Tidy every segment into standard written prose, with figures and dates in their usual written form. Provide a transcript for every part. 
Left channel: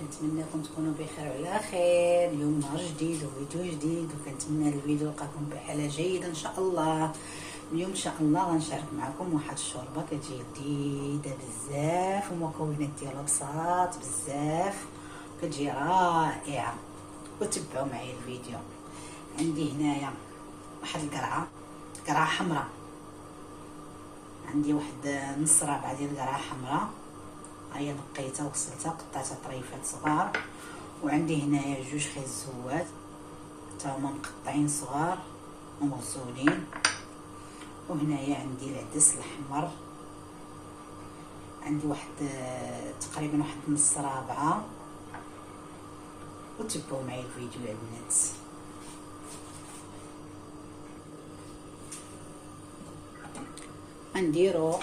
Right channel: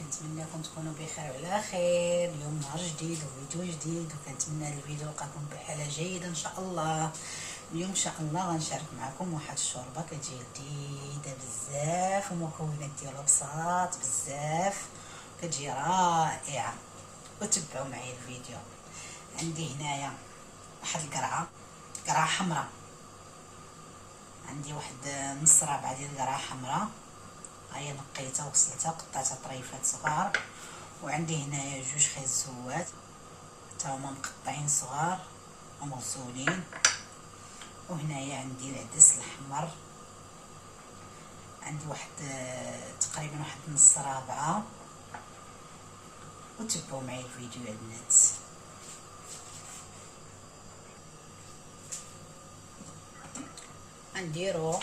كنتمنىكم تكونوا بخير وعلى خير. اليوم نهار جديد وفيديو جديد، وكنتمنى الفيديو يلقاكم بحاله جيده ان شاء الله. اليوم ان شاء الله غنشارك معكم واحد الشوربه كتجي لذيذه بزاف، ومكونات ديالها بساط بزاف، كتجي رائعه. وتبعوا معايا الفيديو. عندي هنايا واحد قرعه حمراء، عندي واحد نص رابعه ديال القرعه حمراء، هي نقيتها وغسلتها وقطعتها طريفات صغار. وعندي هنايا جوج خيزوات حتى هما مقطعين صغار ومغسولين. وهنايا عندي العدس الاحمر، عندي واحد تقريبا واحد نص رابعه. وتبعوا معايا الفيديو يا البنات. غنديرو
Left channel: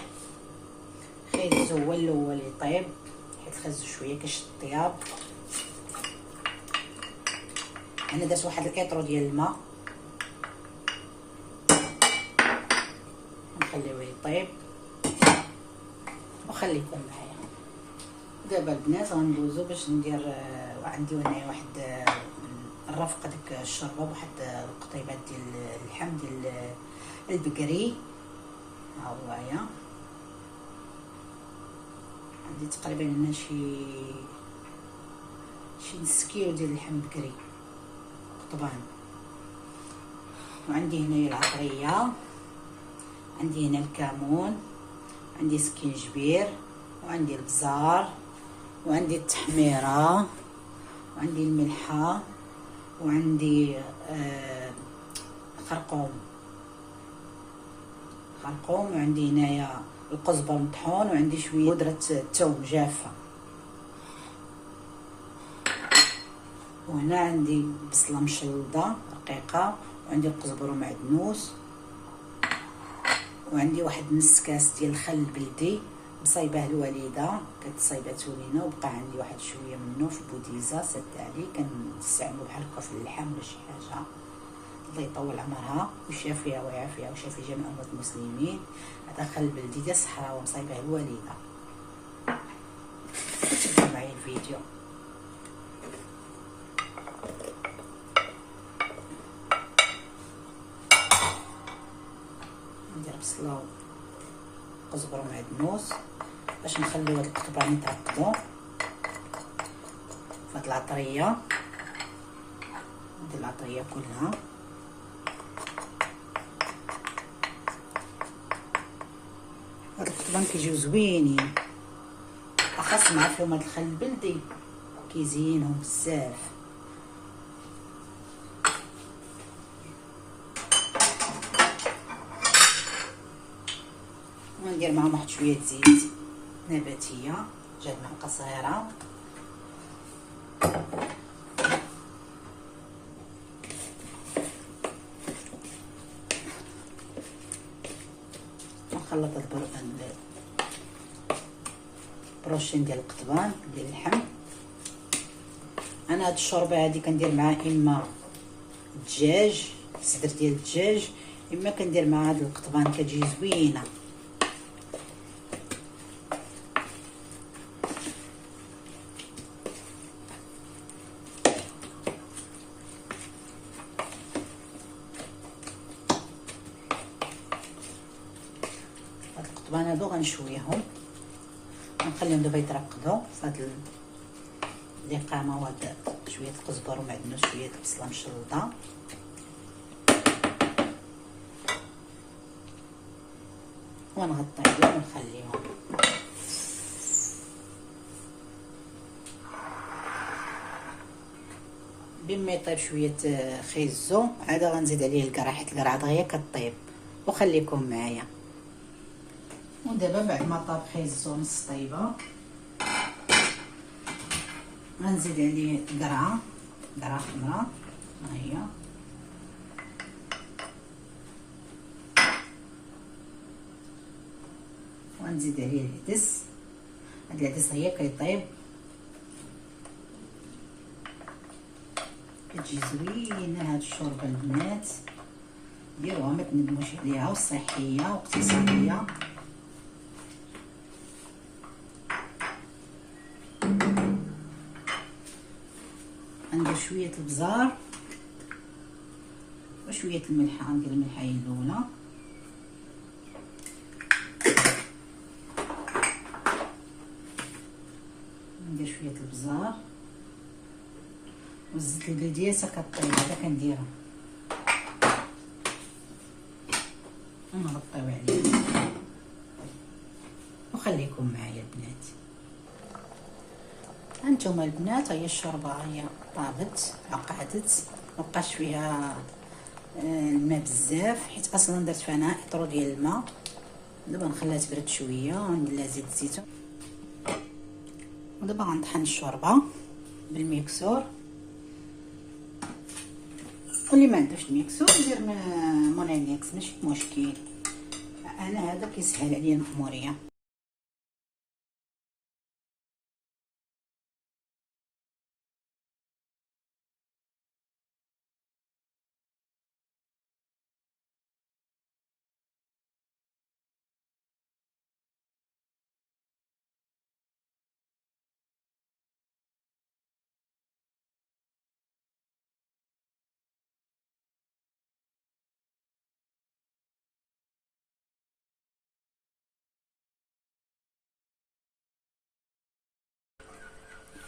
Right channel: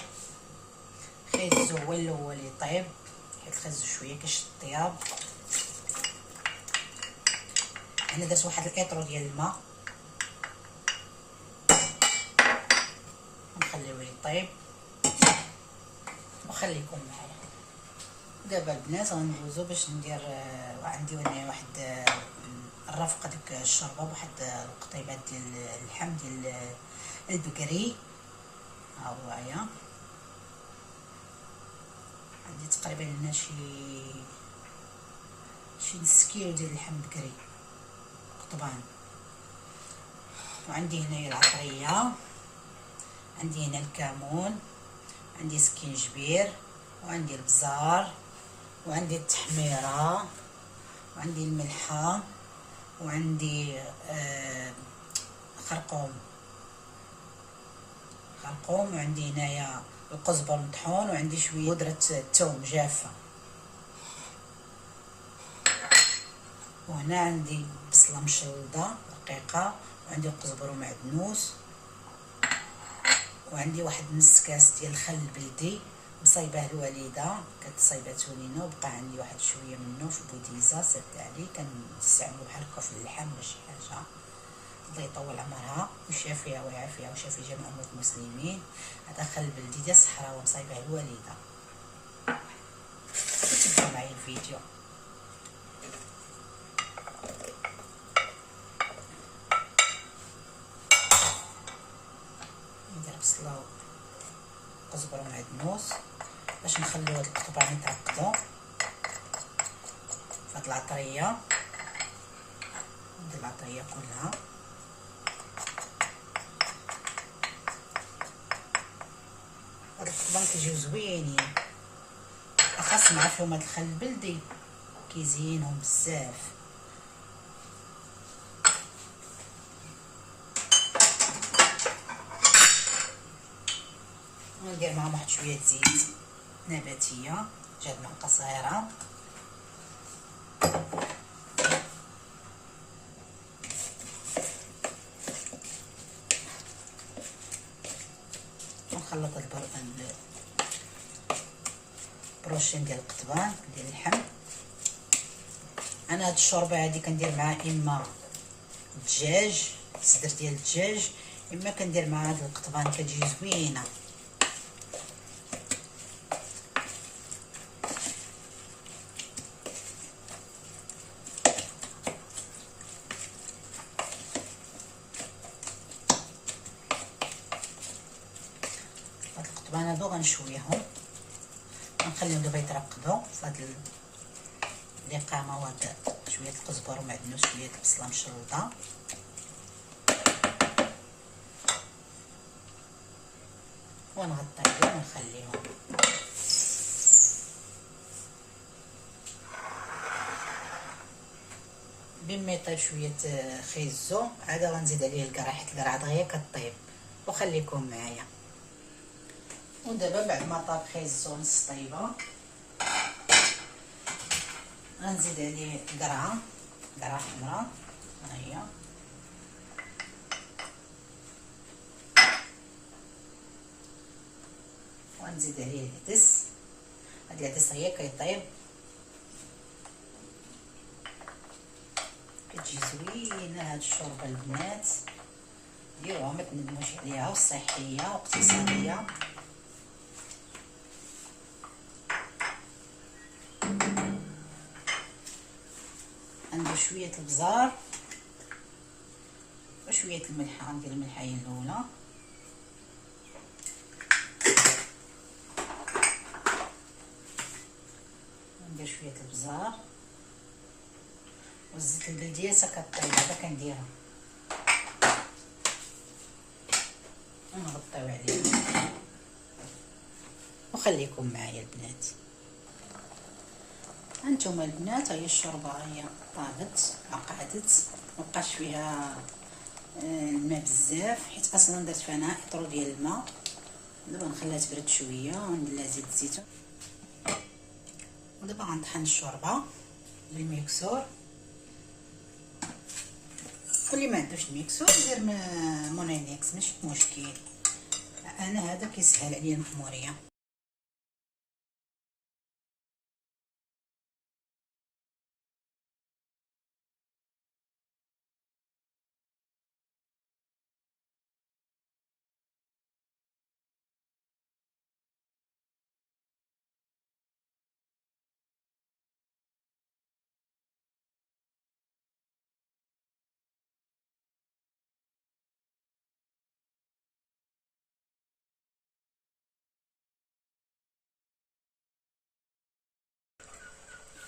خيزو هو الاول يطيب، حيت الخيزو شويه كيشد الطياب. انا درت واحد القطرو ديال الماء ونخليوه يطيب وخليكم معايا. دابا البنات غندوزو باش ندير. عندي هنايا واحد الرفقه ديك الشوربه بواحد القطيبات ديال اللحم ديال البقري، ها هو هي. عندي تقريبا هنا شي نص كيلو ديال اللحم بقري قطبان. وعندي هنايا العطريه، عندي هنا الكمون، عندي سكينجبير، وعندي البزار، وعندي التحميره، وعندي الملحه، وعندي خرقوم، وعندي هنايا القزبر مطحون، وعندي شويه بودره الثوم جافه. وهنا عندي بصله مشلضه رقيقه، وعندي القزبر ومعدنوس، وعندي واحد نص كاس ديال الخل البلدي مصايبه الوالده، كتصايبها تولينا، وبقى عندي واحد شويه منه في بوديزه صدت عليه، كنستعملو بحال هكا في اللحم ولا شي حاجه. الله يطول عمرها ويشافيها ويعافيها ويشافي جميع اموات المسلمين. هذا خل بلدي ديال الصحراء ومصايبه الوالده. تبعوا معايا الفيديو. ندير بصله وقزبر ومعدنوس باش نخليو هاد القطبان يتعقدوا فهاد العطريه. ندير العطريه كلها. هاد القطبان كيجيو زوينين، اخاص مع فيهم هاد الخل البلدي كيزينهم بزاف. وندير معاهم واحد شويه زيت نباتيه، جات معلقه صغيره. ونخلط البروشين ديال القطبان ديال اللحم. انا هاد الشوربه هادي كندير معاها اما الدجاج، صدر ديال الدجاج، اما كندير معاها هاد القطبان كتجي زوينه. هاد القطبان هادو غنشويهم ونخليهم دابا يترقدوا في هاد الاقامه. وهاد شويه القزبر ومعدنوس، شويه البصله مشلضه، ونغطيهم ونخليهم. بما يطيب شويه خيزو عاد غنزيد عليه القرع، حيت القرعه دغيا كطيب. وخليكم معايا. ودابا بعد ما طاب خيزو نص طيبه غنزيد عليه قرعه حمراء، ها هي. ونزيد عليه العدس. هاد العدس هي كيطيب، كتجي زوينه هاد الشوربه البنات. ديروها ما تندموش عليها، وصحيه واقتصاديه. شويه البزار وشويه الملح. غندير الملحايه الاولى، ندير شويه البزار والزيت البلديه كطيب هذا كنديرها ونغطيو عليه وخليكم معايا البنات. هانتوما البنات هي الشوربه هي طابت عقادت، مبقاش فيها الماء بزاف حيت اصلا درت فيها ناقطرو ديال الماء. دابا نخليها تبرد شويه وندير لها زيت الزيتون، ودابا غنطحن الشوربه بالميكسور. واللي ما عندوش الميكسور يدير مونينيكس ماشي مشكل، انا هذا كيسهل عليا المحموريه.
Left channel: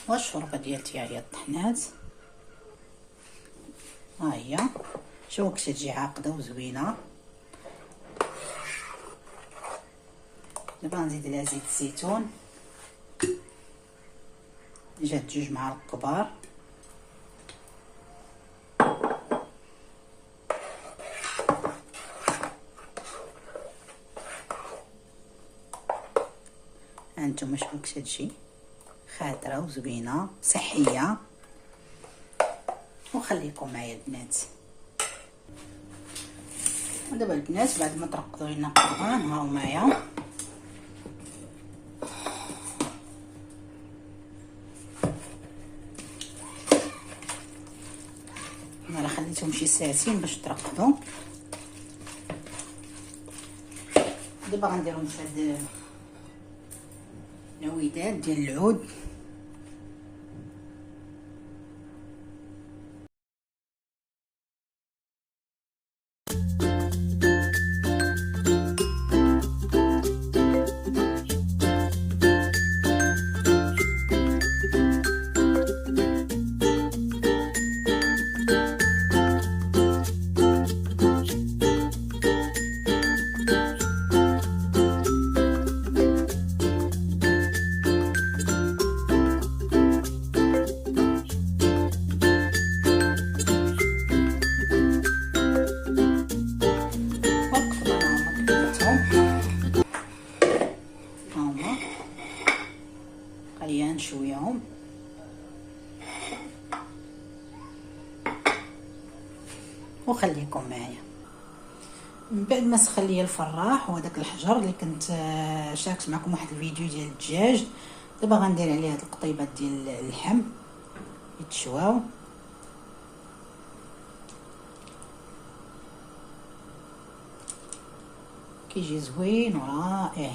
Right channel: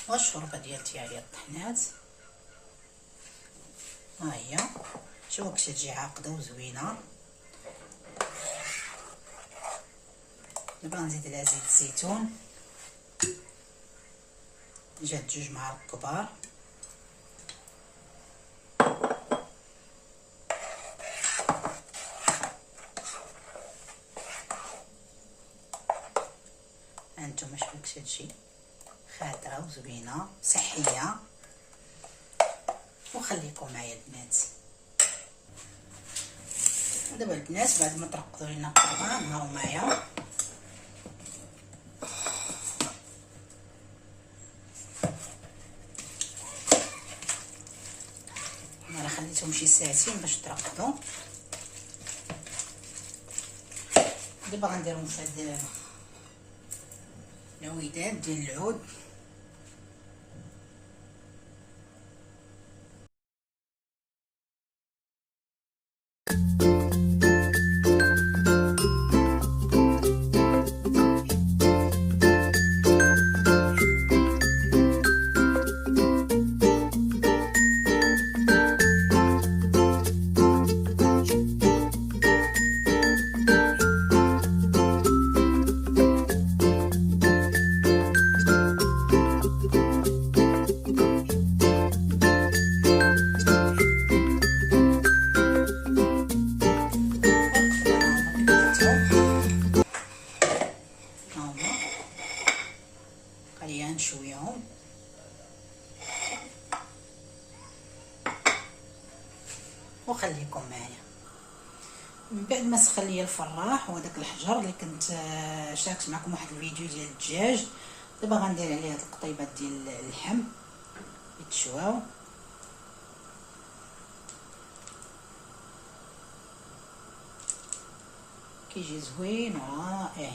والشوربه ديالتي هي طحنات، ها هي شوفوا كيفاش تجي عاقده وزوينه. دابا نزيد لها زيت الزيتون، جات 2 معالق كبار، هانتوما شوفوا كيفاش تجي خاطره وزوينه صحيه. وخليكم معايا البنات. ودابا البنات بعد ما ترقدوا لنا القران هاو معايا انا راه خليتهم شي ساعتين باش ترقدوا. دابا غنديرهم في هاد الوداد ديال العود. خليها نشويهم وخليكم معايا. من بعد ما سخن ليا الفراح وهذاك الحجر اللي كنت شاركت معكم واحد الفيديو ديال الدجاج، دابا غندير عليه هاد القطيبات ديال اللحم يتشواو. كيجي زوين ورائع.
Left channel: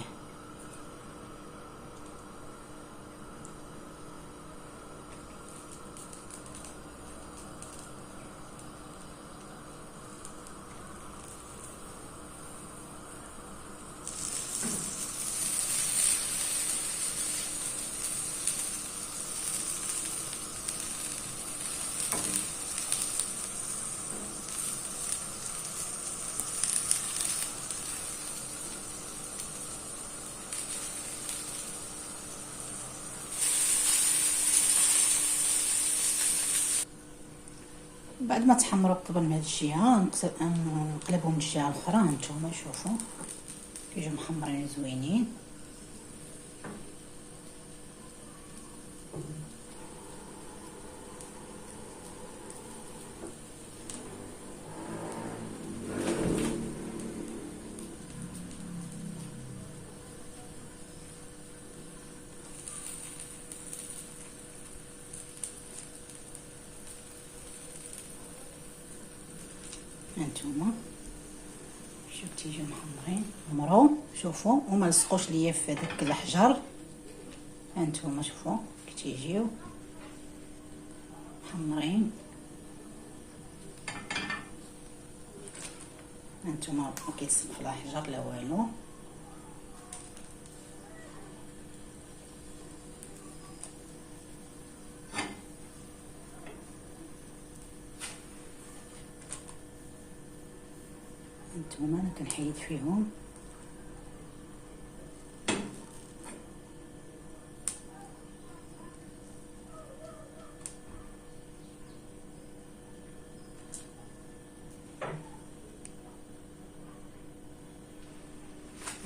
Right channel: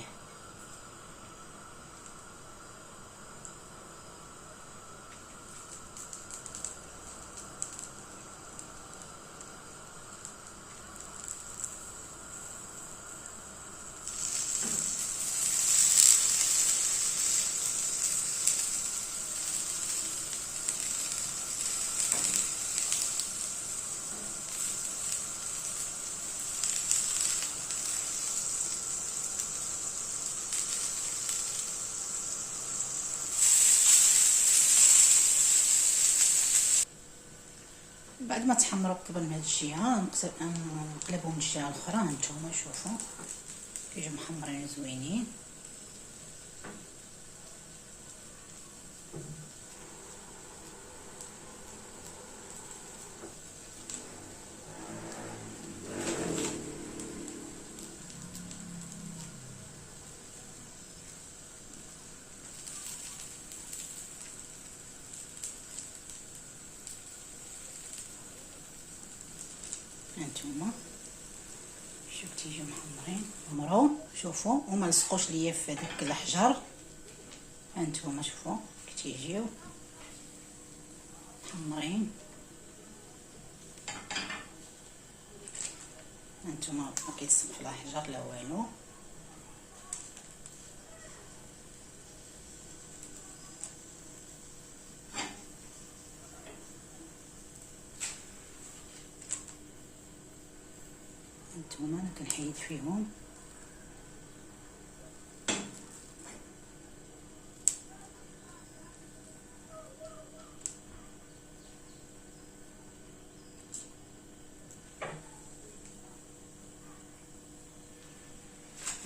بعد ما تحمروا الطبل من هاد الجهه نقلبهم من الجهه الاخرى. هانتوما شوفوا كيجيو محمرين زوينين. هانتوما شوف تيجيو محمرين مرو، شوفوا وما لصقوش ليا في داك الحجر. هانتوما شوفوا كي تيجيو محمرين. هانتوما ما كيتصبح لا حجر لا والو. هانتوما انا كنحيد فيهم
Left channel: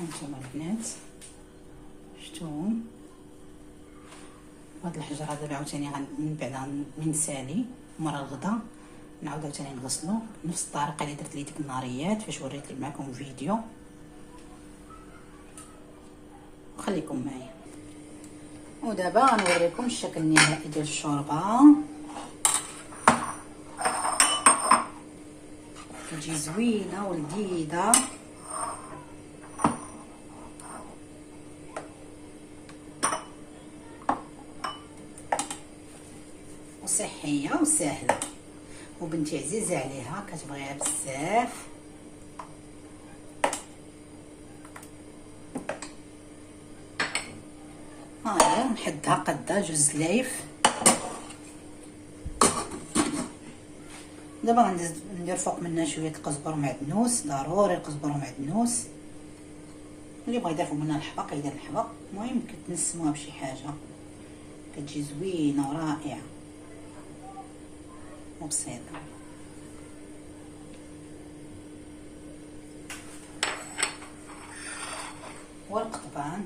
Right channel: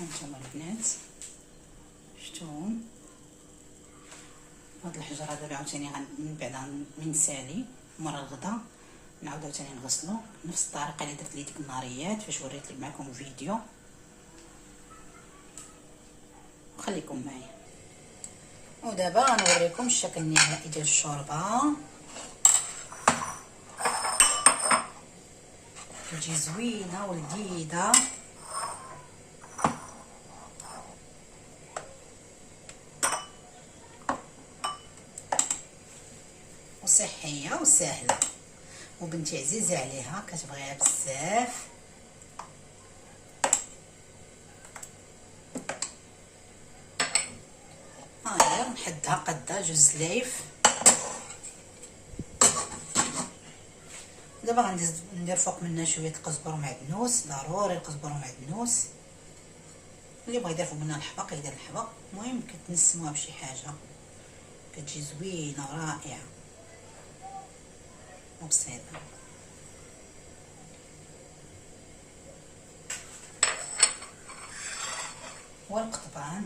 هانتوما البنات شفتوهم. هاد الحجر هذا عاوتاني من بعد غنسالي مرة الغدا نعاود عاوتاني نغسلو بنفس الطريقه اللي درت لي ديك النهاريات فاش وريت معكم فيديو. خليكم معايا. ودابا غنوريكم الشكل النهائي ديال الشوربه. كتجي زوينه ولذيذه وصحيه وسهله، وبنتي عزيزه عليها كتبغيها بزاف. هاهي نحدها قدا جوج لايف. دابا ندير فوق منها شويه القزبر ومعدنوس، ضروري القزبر ومعدنوس. اللي بغى يدير فوق منها الحبق يدير الحبق، المهم كتنسموها بشي حاجه كتجي زوينه ورائعه وبسيطه. والقطبان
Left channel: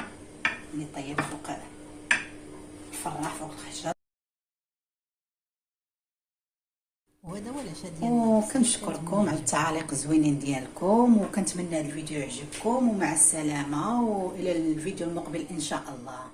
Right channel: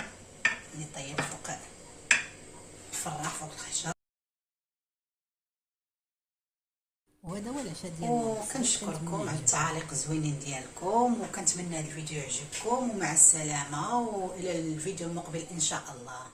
اللي طيب فوق الفراح فوق الخشب. وهذا هو العشاء ديالنا. وكنشكركم على التعاليق الزوينين ديالكم، وكنتمنى هذا الفيديو يعجبكم، ومع السلامه والى الفيديو المقبل ان شاء الله.